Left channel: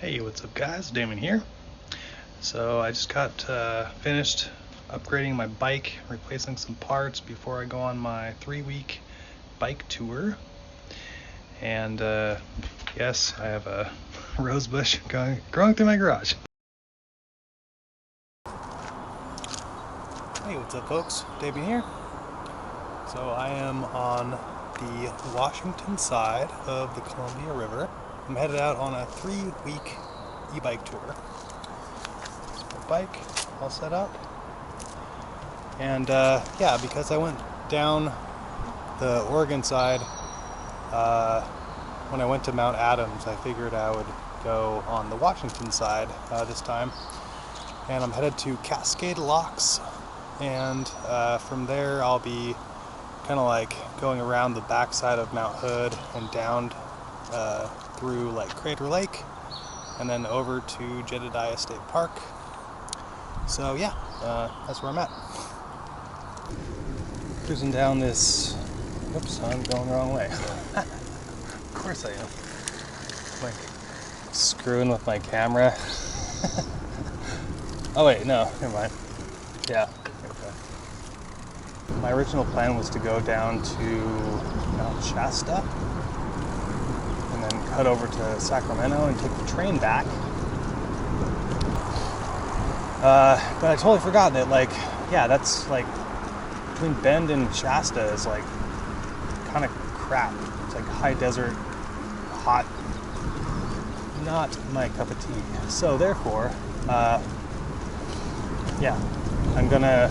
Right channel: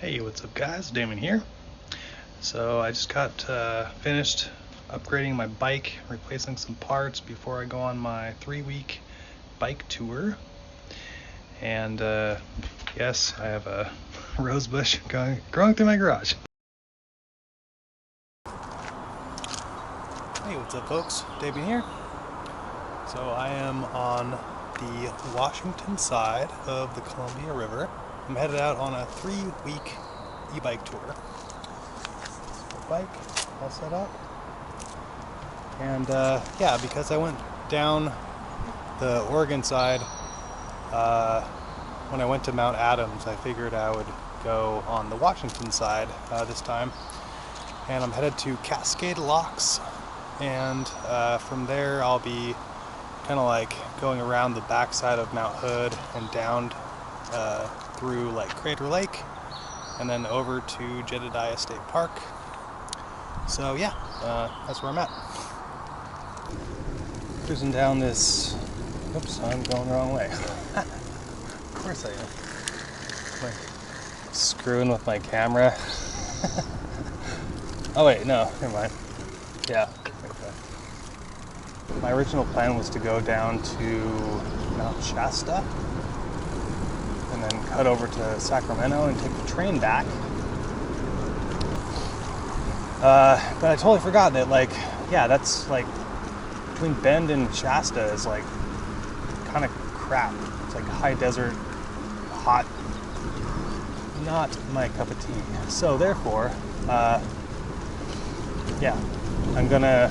Hey, what's up guys? Damon here. So I just got finished upgrading my bike, replacing some parts before I go on my 3-week bike tour. And yes, I have a rose bush growing through my garage. Hey, what's up folks? Damon here. So I am on the Washington side of the Columbia River. I'm headed out on a 3-week e-bike tour. Bike all set up, and yeah, because I went down the Oregon side when I went to Mount Adams, I figured I would go on the Washington side this time, and I'm headed to Cascade Locks, and from there I'll be kind of like going around the backside of Mount Hood and down through like Crater Lake and then over to Jedediah State Park. So yeah, that's where I'm at. Cruising down this, oops, I'm going the wrong way. Of course I am. Like screwing with my camera. Oh wait, no, never mind. Yeah, okay. My original plan was to go down to Mount Shasta and then cut over to Sacramento and take the train back. But I totally forgot that, like, yeah, that's like between Bend and Shasta is like kind of crap. It's like high desert, hot, not my cup of tea. So therefore, yeah, I'm gonna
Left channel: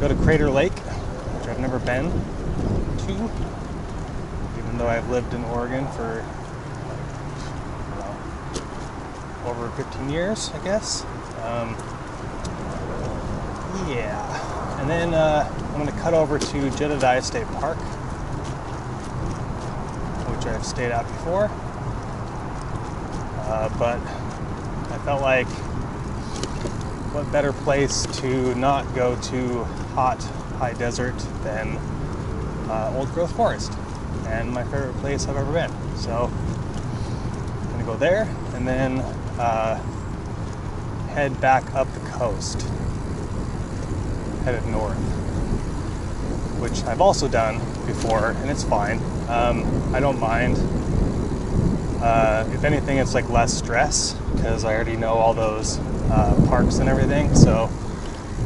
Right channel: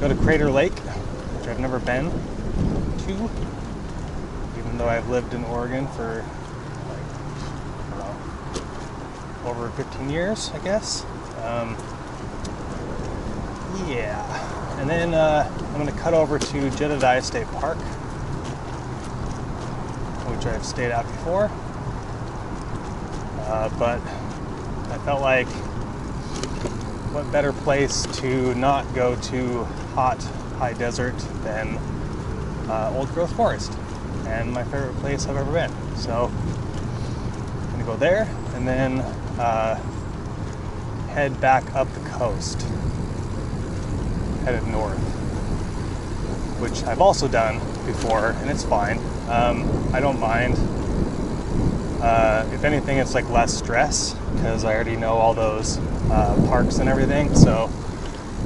go to Crater Lake, which I've never been to, even though I've lived in Oregon for like, I don't know, over 15 years, I guess. Yeah, and then I'm going to cut over to Jedediah State Park, which I've stayed at before, but I felt like what better place to not go to hot, high desert than old growth forest, and my favorite place I've ever been. So I'm going to go there and then head back up the coast, headed north, which I've also done before, and it's fine. I don't mind. If anything, it's like less stress because I already know all those parks and everything, so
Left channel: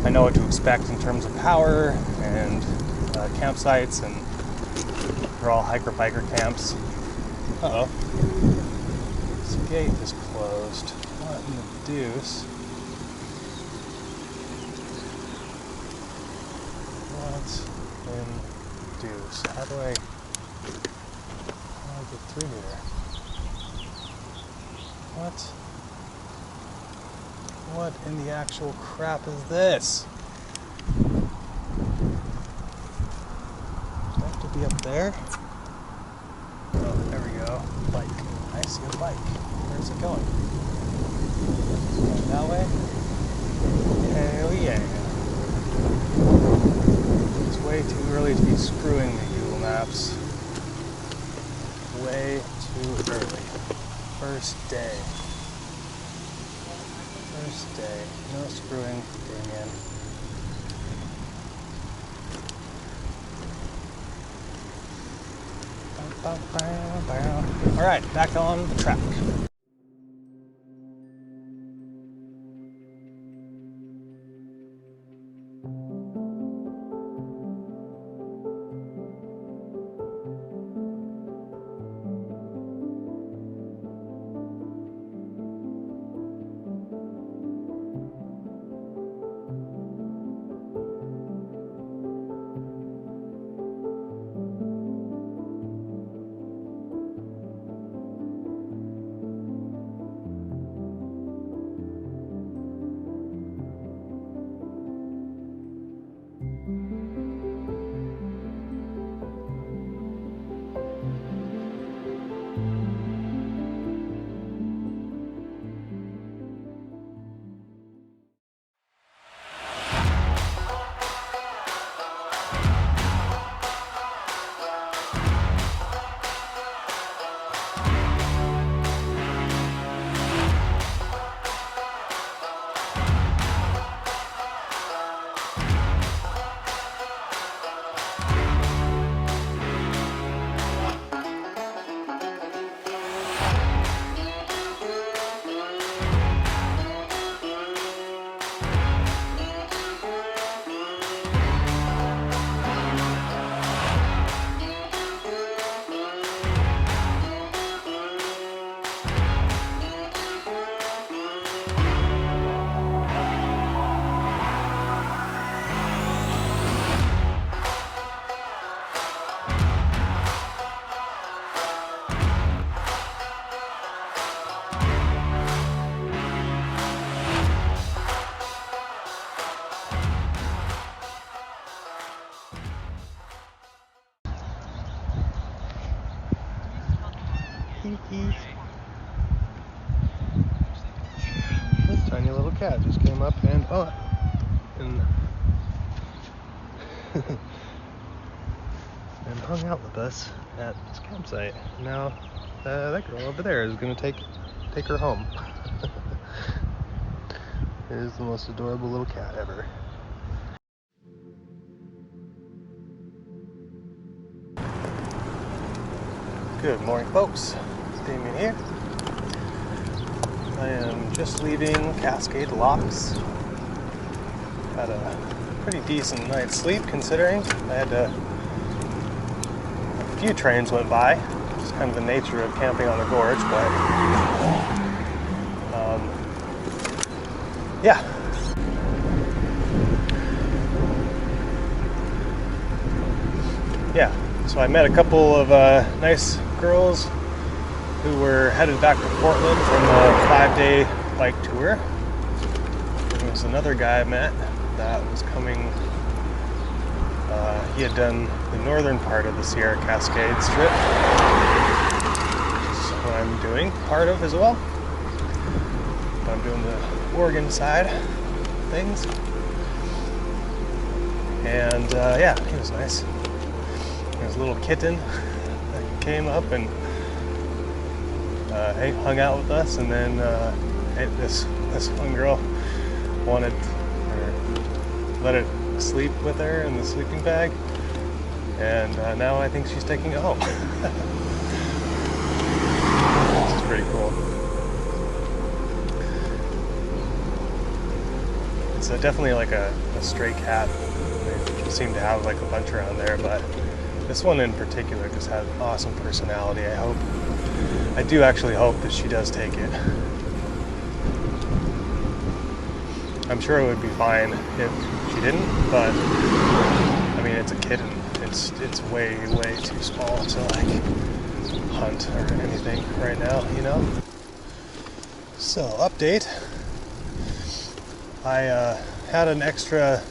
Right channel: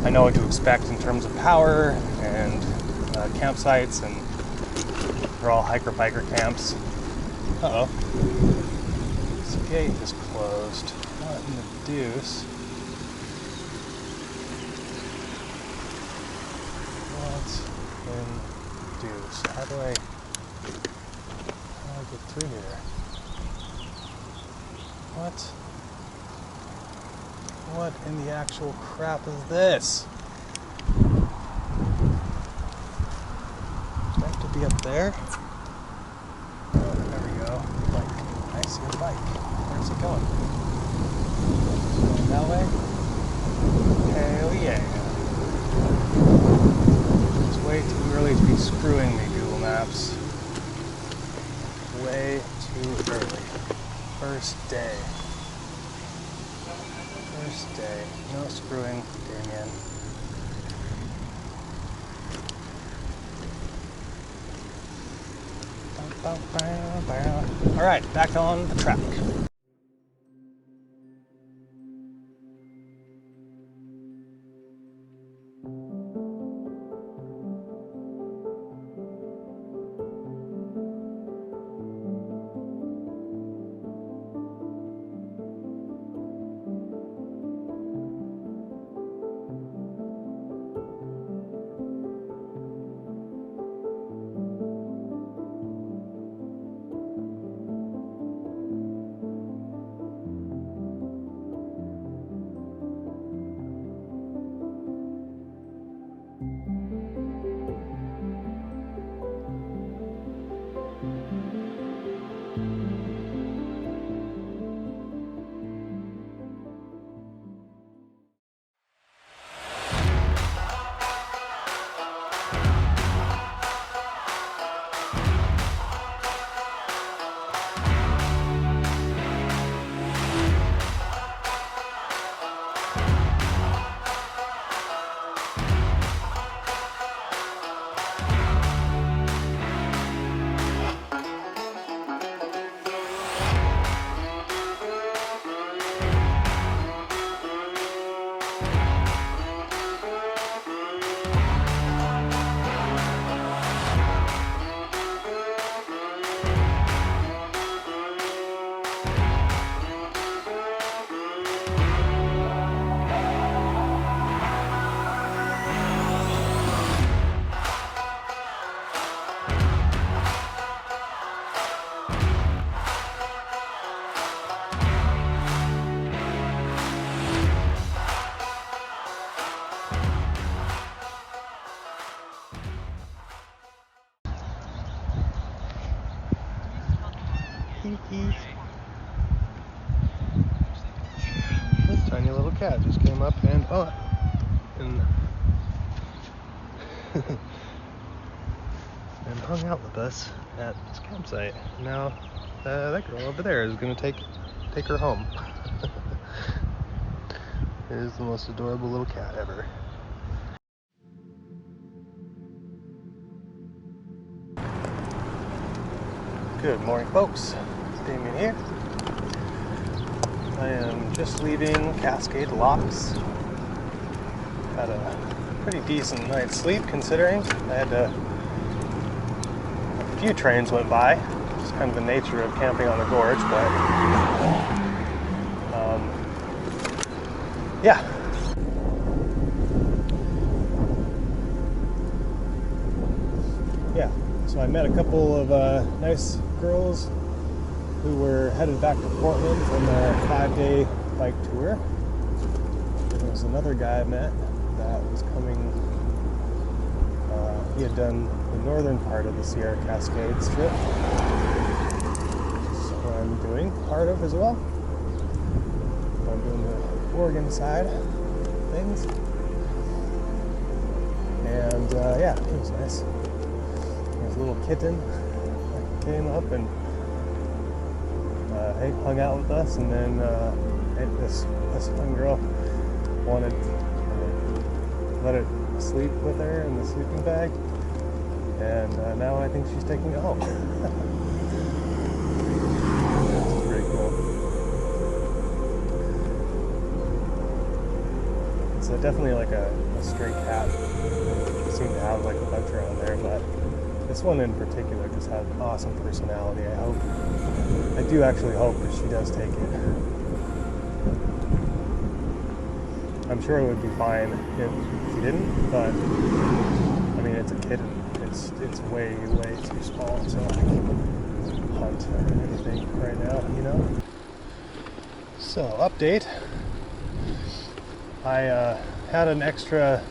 I know what to expect in terms of power and campsites, and they're all hiker-biker camps. Uh-oh. This gate is closed. What in the deuce? In deuce. How do I get through here? What in the actual crap is this? Do I have to be up there? Oh, there we go. Bike. I see a bike. Where's it going? Is it going that way? Hell yeah. Way too early to be screwing me, Google Maps. Way too early. First day. First day. No screwing, Damien. Alright, back on the track. tiny little cat just came up and and and hung out with us at this campsite. Now that girl over there is gonna take her home. It is the most adorable little cat ever. Good morning, folks. Damien here. I am just leaving Cascade Locks. Had a pretty decent night's sleep considering I had a few trains went by. It's kind of the nature of camping on the gorge, but yeah. Yeah, so I met a couple of nice girls who were headed back to Portland from a 5-day bike tour. There was another guy I met that was coming. He had done the northern part of the Sierra Cascade strip, which is what I'm doing part of as well. But I'm doing the Oregon side of things. And yeah, he was nice. There was a little kitten that came up and hung out with us, and then this one girl wanted or let it sleep with her in the sleeping bag, and now I think she's taking it home. It's pretty cool. It's definitely like a stray cat. They seem to have like a bunch around there, but this one in particular just had an awesome personality. I do actually hope that she does take it. I'm sure it would be fine if she didn't, but I mean, it's a kitten. It's way too small to like hunt or anything right now, you know? So, update. I had an extra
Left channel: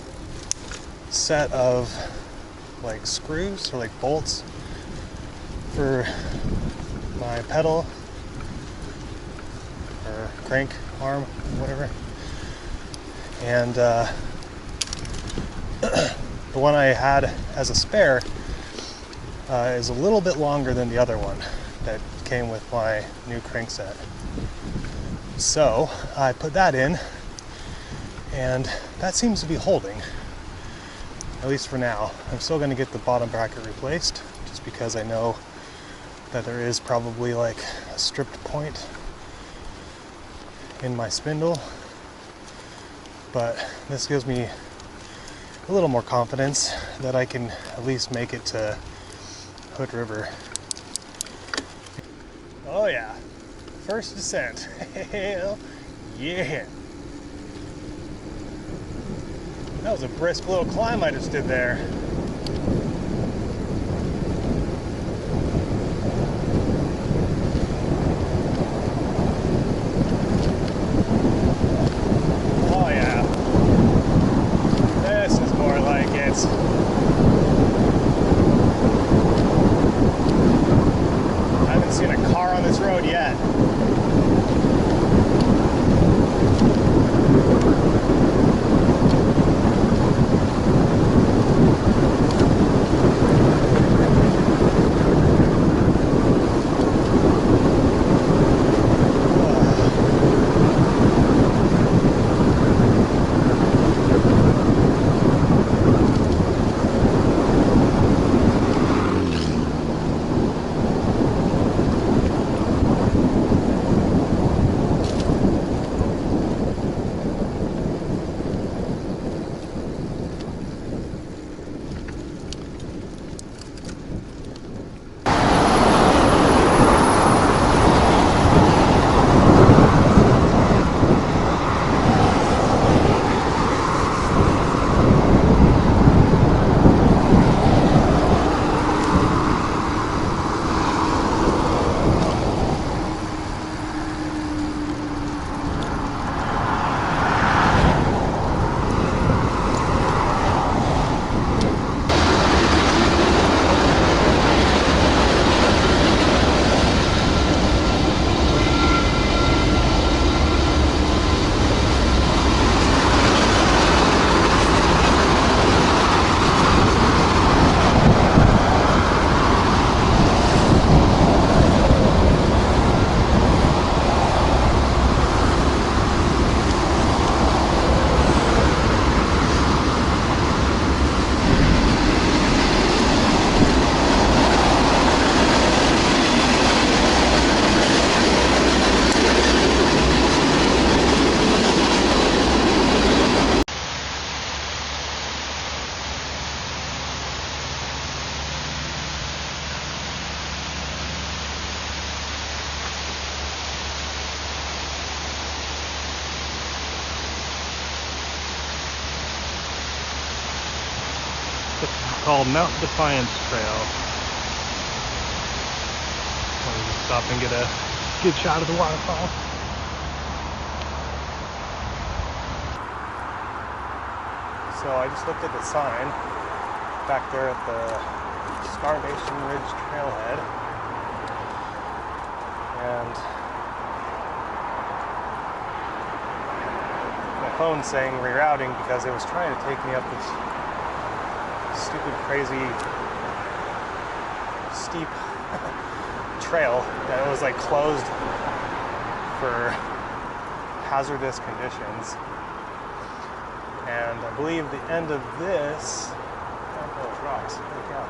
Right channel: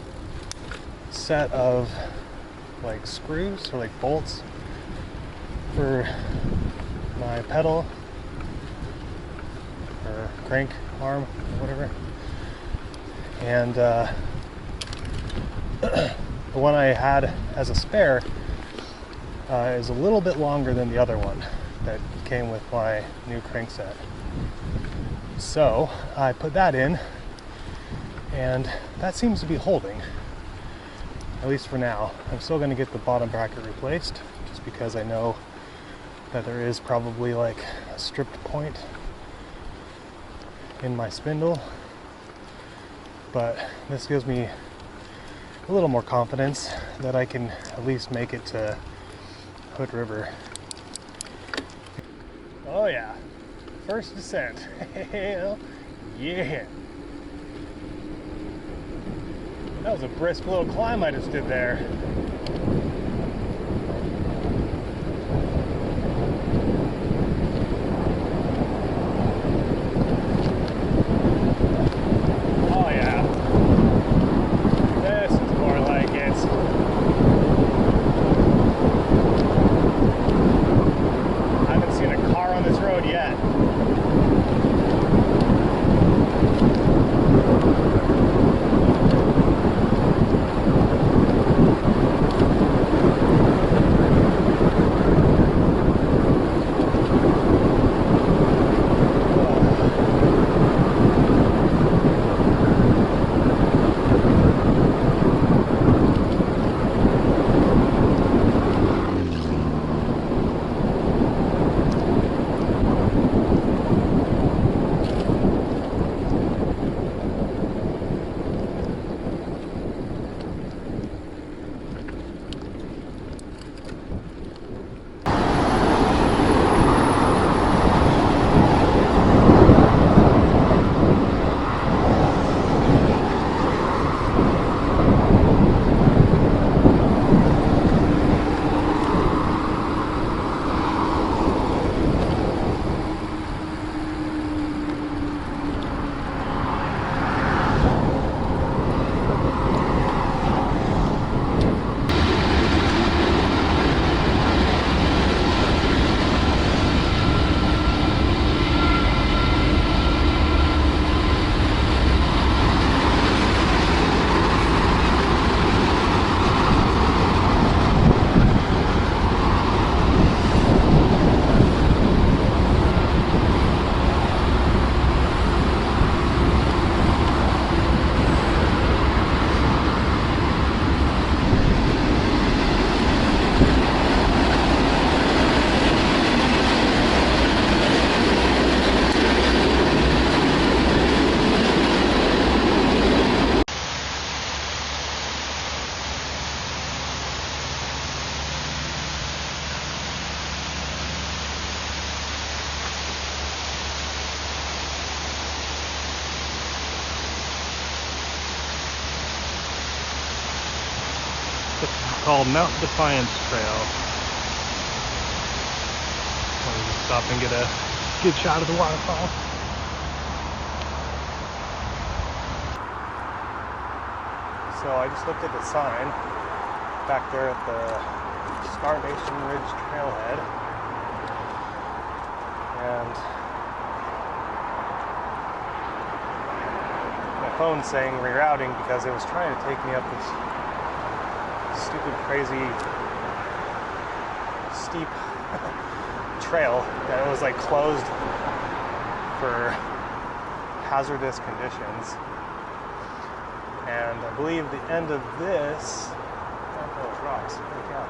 set of like screws or like bolts for my pedal or crank arm or whatever, and the one I had as a spare is a little bit longer than the other one that came with my new crank set. So I put that in, and that seems to be holding, at least for now. I'm still going to get the bottom bracket replaced, just because I know that there is probably like a stripped point in my spindle, but this gives me a little more confidence that I can at least make it to Hood River. Oh yeah, first descent. Hell yeah. That was a brisk little climb I just did there. Oh yeah. This is more like it. I haven't seen a car on this road yet. called Mount Defiance Trail. Let me just stop and get a good shot of the waterfall. So I just looked at the sign back there at the Starvation Ridge Trailhead, and my phone's saying rerouting because it was trying to take me up this stupid, crazy, steep trail that was like closed for hazardous conditions. And I believe the end of this, oh, those rocks, holy cow.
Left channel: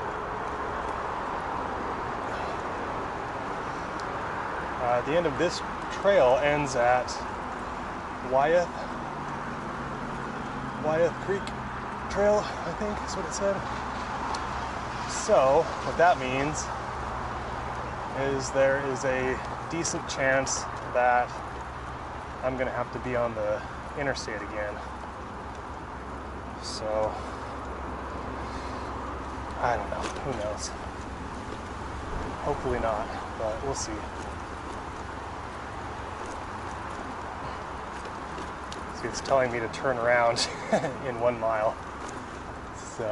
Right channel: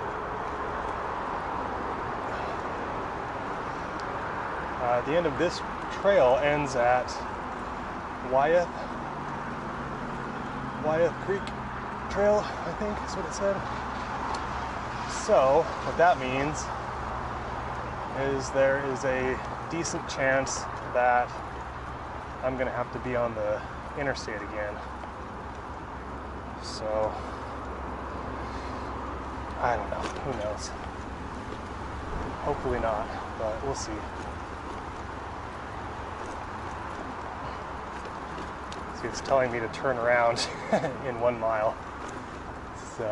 The end of this trail ends at Wyeth Creek Trail, I think is what it said. So what that means is there is a decent chance that I'm gonna have to be on the interstate again. So I don't know, who knows? Hopefully not, but we'll see. See, it's telling me to turn around in 1 mile. So,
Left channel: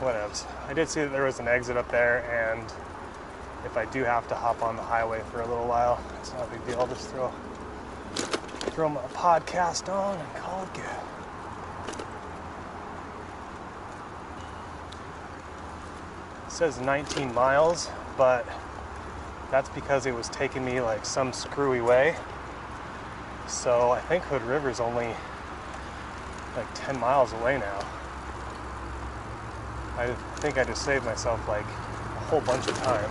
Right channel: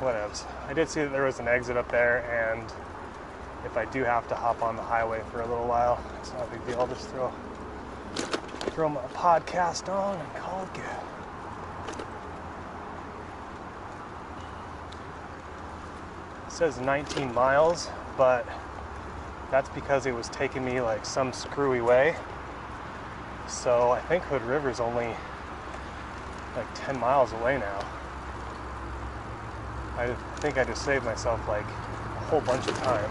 what else? I did see that there was an exit up there, and if I do have to hop on the highway for a little while, it's not a big deal. I'll just throw my podcast on and call it good. It says 19 miles, but that's because it was taking me like some screwy way. So I think Hood River's only like 10 miles away now. I think I just saved myself like a whole bunch of time.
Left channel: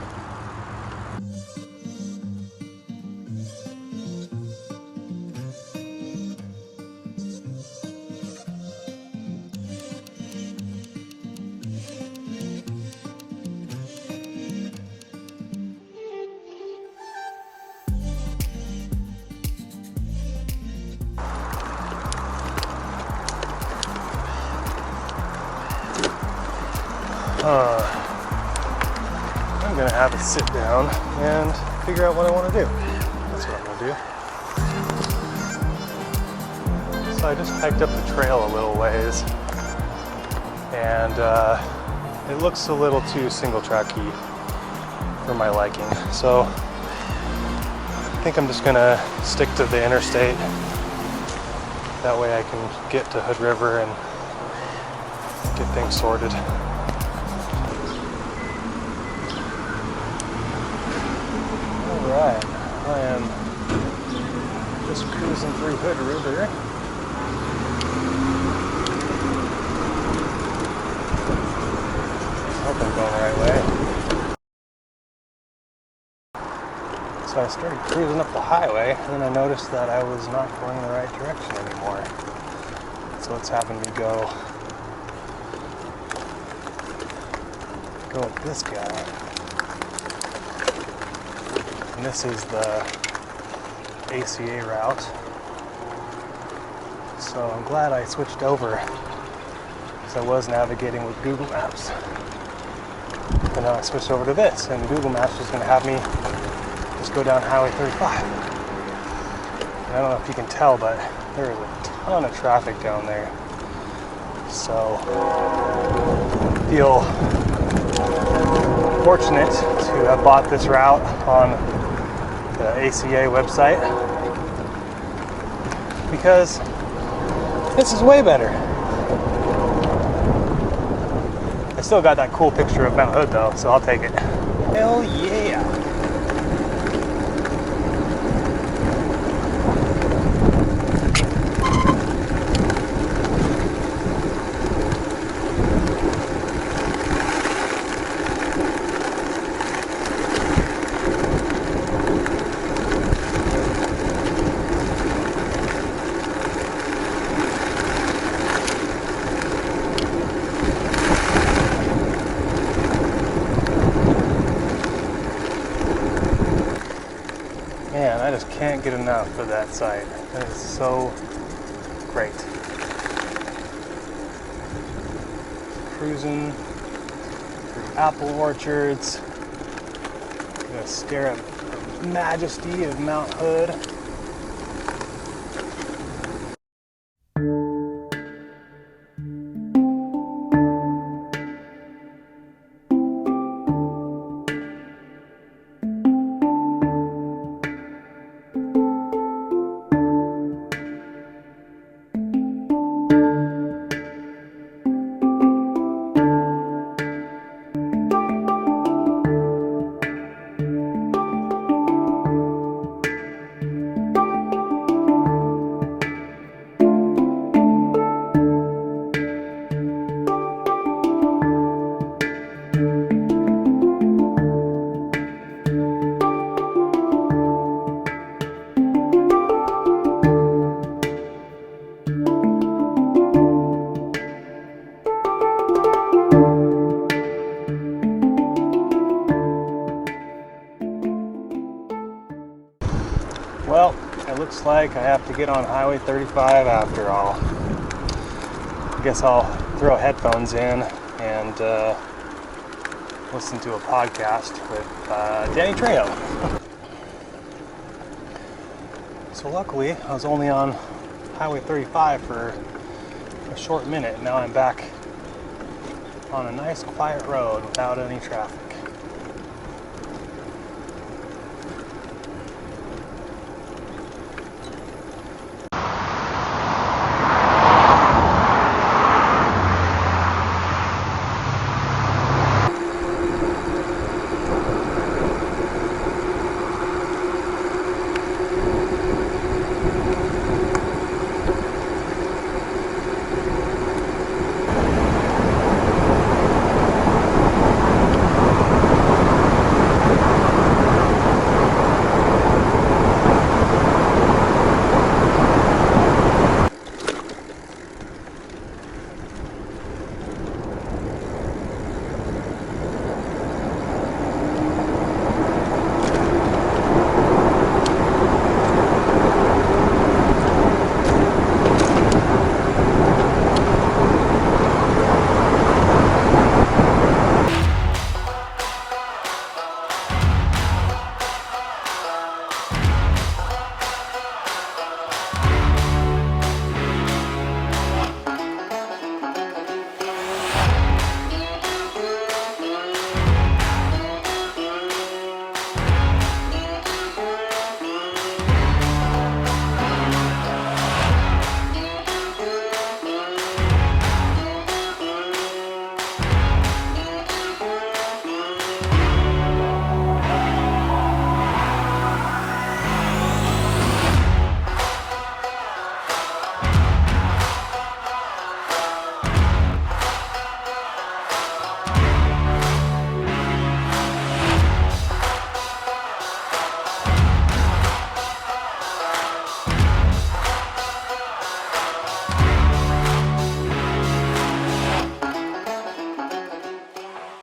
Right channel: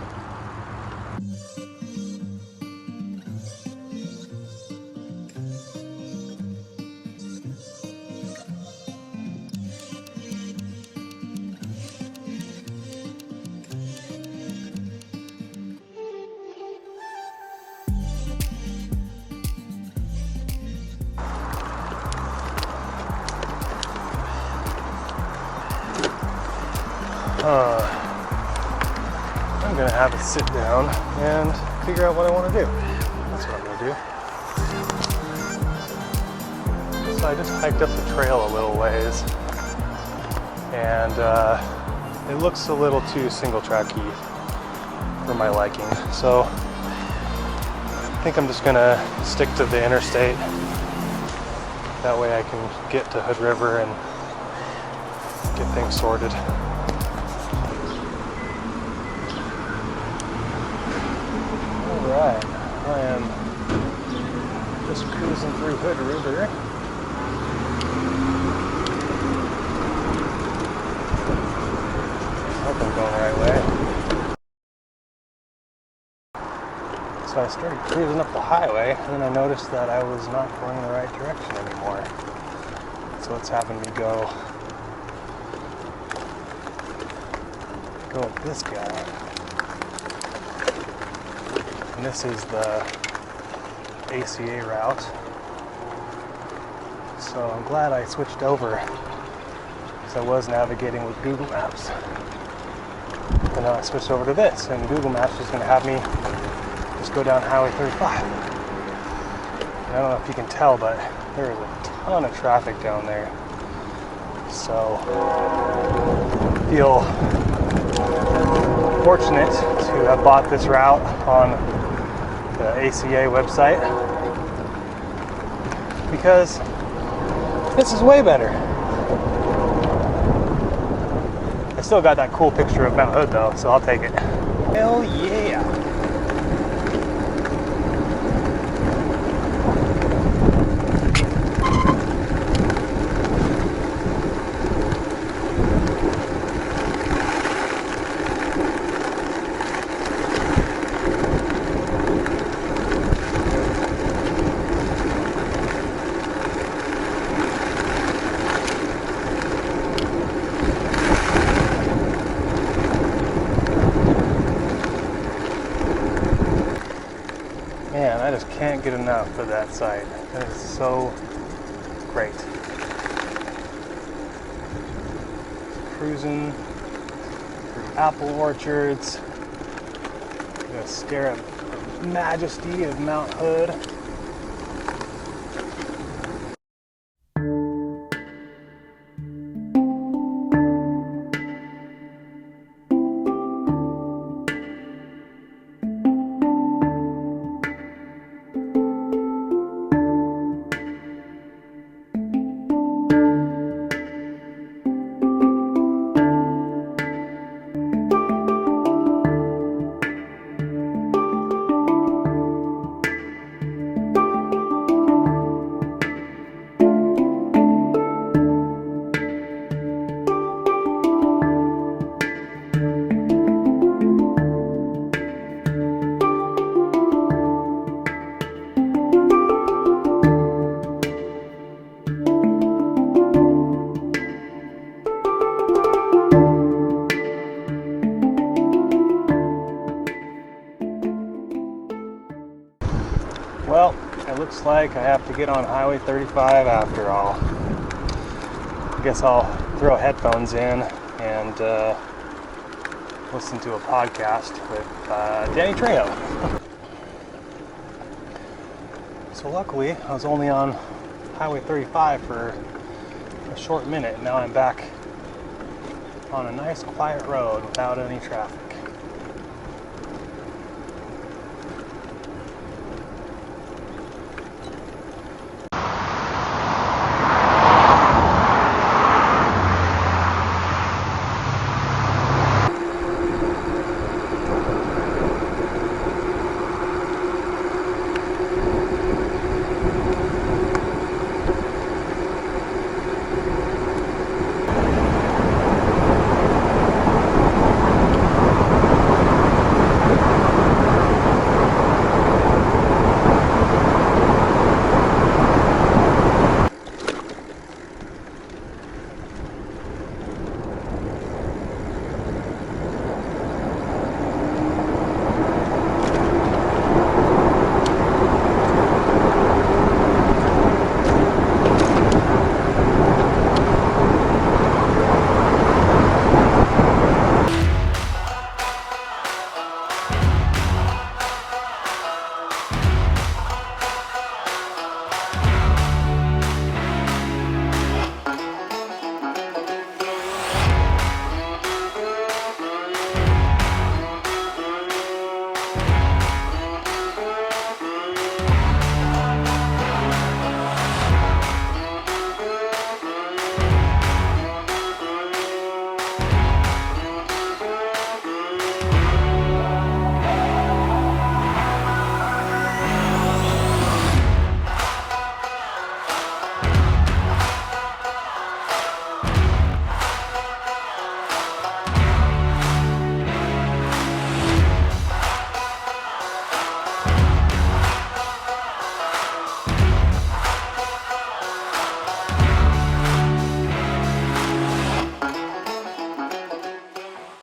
I'm gonna have a sit down and figure out what I want to do. That's what I'm gonna do. So I just hiked up the trail a little ways, and it looks a little too single tracky for my liking. So I think I'm just gonna stick to the interstate. That way I can get to Hood River and get things sorted. Alright, I am just cruising through Hood River. I hope I'm going the right way. So I started cruising up the highway, and then I noticed that I was not going in the right direction anymore. So it's having me go with this guy. And this is the ACA route. So I'm glad I switched over, because I was navigating with Google Maps. And now I switched over to this, and Google Maps is going to have me just go down Highway 35. And I don't know if you can tell, but there is a ton of traffic down there. So I feel fortunate to have bought this route on the ACA website, because this is way better. I still got that cool picture of Mount Hood though, so I'll take it. Hell yeah! Man, I just can't get enough of that site. That is so great. cruising through apple orchards. Gonna stare at the majesty of Mount Hood. Well, it looks like I have to get on Highway 35 after all. I guess I'll throw headphones in and listen to a podcast with Danny Trejo. So luckily, I was only on Highway 35 for a short minute. Now I'm back on a nice quiet road without any traffic.